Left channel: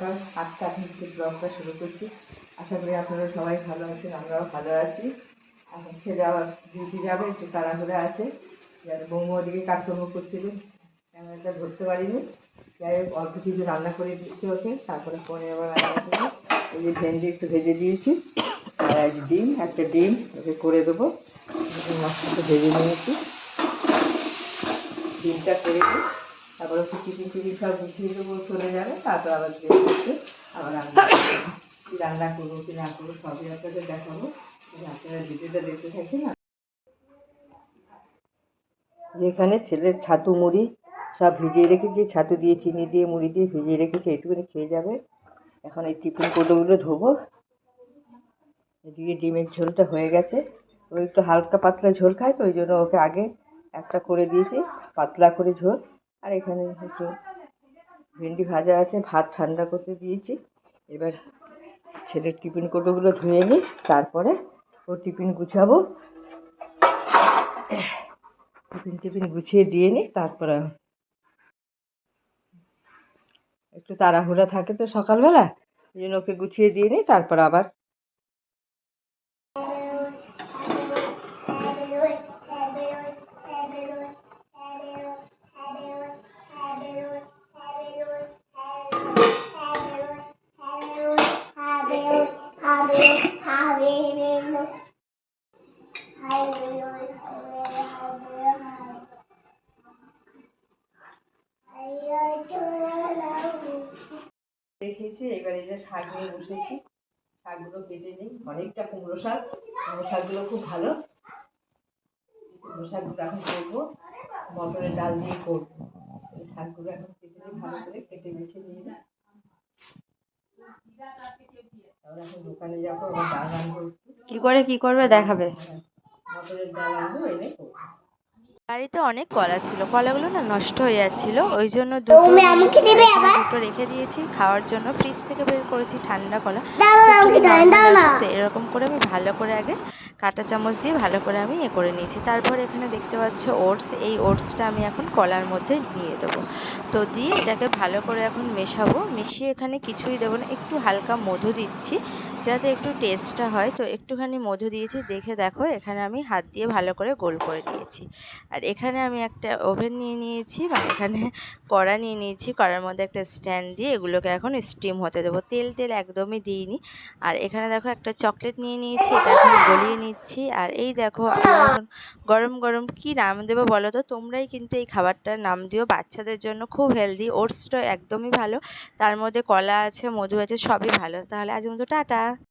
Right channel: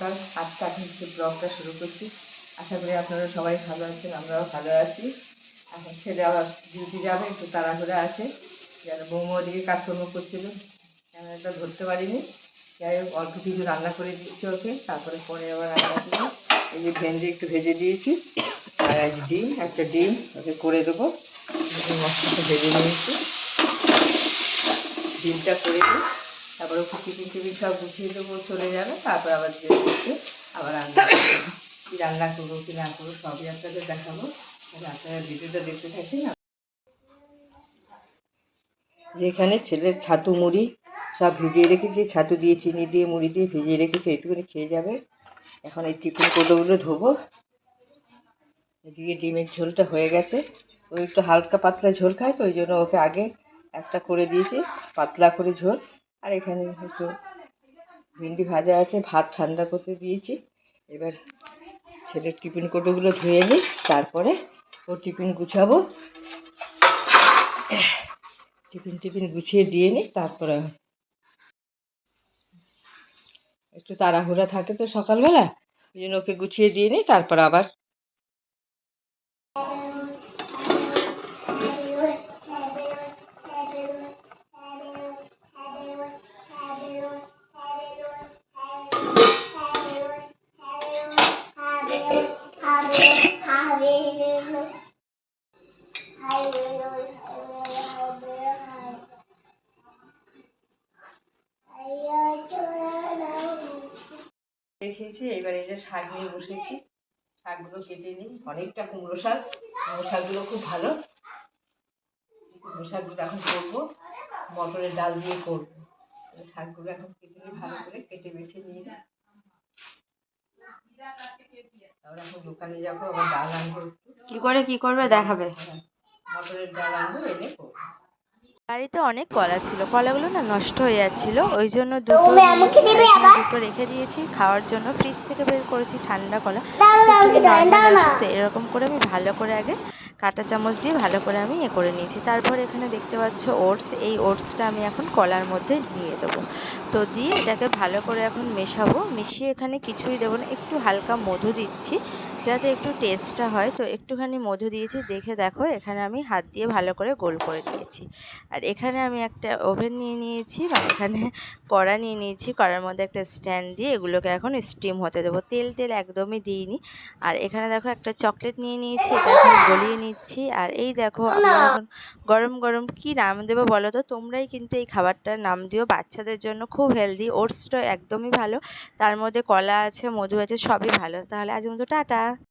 সকাল আটটা থেকে ব্লগটা শুরু করছি। আশা করি আপনারা সবাই ভালো আছেন, আমরাও ভালো আছি। এখন ছেলে আবার ডিউটি যাবে, একটু তাড়াহুড়া আছে। যেন বৌমা ওদিকে কাজকর্ম করছিল ক্যামেরাটা ধরতে পারিনি। যাই হোক, অল্প কিছু রান্না করে দিচ্ছি ওকে, তারপরে পরে আবার রান্না করব। এই যে ভেন্ডি একটু ভেজে দিয়েছি, আর এক ডিম, একটা ডিম ওকে করে দেবো। মশলাটা ভেজে নিয়েছি। ডিমটা করে দিই। তারপর টিফিন টিফিন সব গুছিয়ে দেবো, চলে যাবে, তারপর আবার যে করতে আবার রান্না রান্না করব, কি না করব, সবই আপনাদের দেখাবো। আপনারা ভিডিওটা দেখতে থাকেন। যেখানে ছেলের ছাতু মুড়ি সব ভিজিয়ে রেখেছি, ছাতু দিয়ে, চিনি দিয়ে, মুড়ি দিয়ে ভিজিয়ে রেখেছি, একটুখানি খেয়ে যাবে। এখন এই টিফিন কোটোগুলো ধোবো। এদিকে ডিমের ঝোলটা হয়ে গেছে। ও একটু হালকা পাতলা ঝোল খায় তো, ওই জন্য ওকে আগে একটা করে দিয়েছি, পাতলা করে ঝোল। আর এখানে একটু ভেন্ডি ভাজা আছে, ভাত ঠান্ডা করতে দিয়েছি। এবার ছেলের টিফিন কোটোগুলো ধুয়ে নিই, তারপরে ও টিফিন গুছাবো। টিফিন টিফিন গুছিয়ে দিয়ে নিই, তারপরে একটু তাড়াহুড়া থাকে তো সকালবেলা, ওই জন্য ওকে গুছিয়ে দিয়ে নিই, তারপর আবার রেখেছি এবার এই যে শাক নিয়ে বসেছি। শাকগুলো কেটে নিই। অনেকটা কুমড়ো শাক। কুমড়ো শাকগুলো খুব ভালো। কুমড়ো শাকগুলো এখন করব। মটরের ডাল দিয়ে করব। শাকগুলো এখন কেটে নিই, ভালো করে কেটে বেছে নিয়ে কি করে কি করবে দেখাবে। বাড়িতে অনেক কলা ছিল। কলাগুলো না নষ্ট হয়ে যাচ্ছিল। ওই জন্য দুটো দুটো রেখে দিয়েছি। খাওয়ার জন্য ফ্রিজ থেকে বের করেছি ঠান্ডা কলা। তো এরকম করে আমি ভালো করে আগে কাঁটা চামচ দিয়ে ভালো করে আমি এ করে নিয়েছি। তারপর এখানে দেখতে পাচ্ছ ওটস এই ওটসটা আমি এখন কলার মধ্যে নিয়ে দেবো। তো দিয়ে এটাকে ভালো করে এখন মেশাবো। মিশিয়ে এখানে কিছুই দেবো না একটু হালকা মধু দিচ্ছি যাতে একটু টেস্টটা হয়। তো একটুখানি মধু দিয়েছি দেখে দেখো এখানে আমি হাত দিয়ে ভালো করে গোল করে নিয়েছি আর এখানে আমি একটা ওভেন নিয়ে নিয়েছি মানে এখানে কড়া নিয়ে নিয়েছি। কড়ার মধ্যে একটা স্ট্যান্ড দিয়ে এগুলোকে এখন স্টিম হতে দেবো। তেল টেল একদমই দিইনি। আর এখানে দেখো একটা চকলেট নিয়ে নিয়েছি, এটা এখন গলিয়ে নিচ্ছি। আর এই দেখো, আমরা এখন গরম গরম কি নাম দেবো বলো তো? তোমরাই কিন্তু এই খাবারটার নাম দিও। বাচ্চাদের জন্য খুব হেলদি ওটসটা একদমই ভালো। তার মধ্যে কলা আছে, মধু আছে, সবই ভালো। তাহলে আজ মতো টাটা।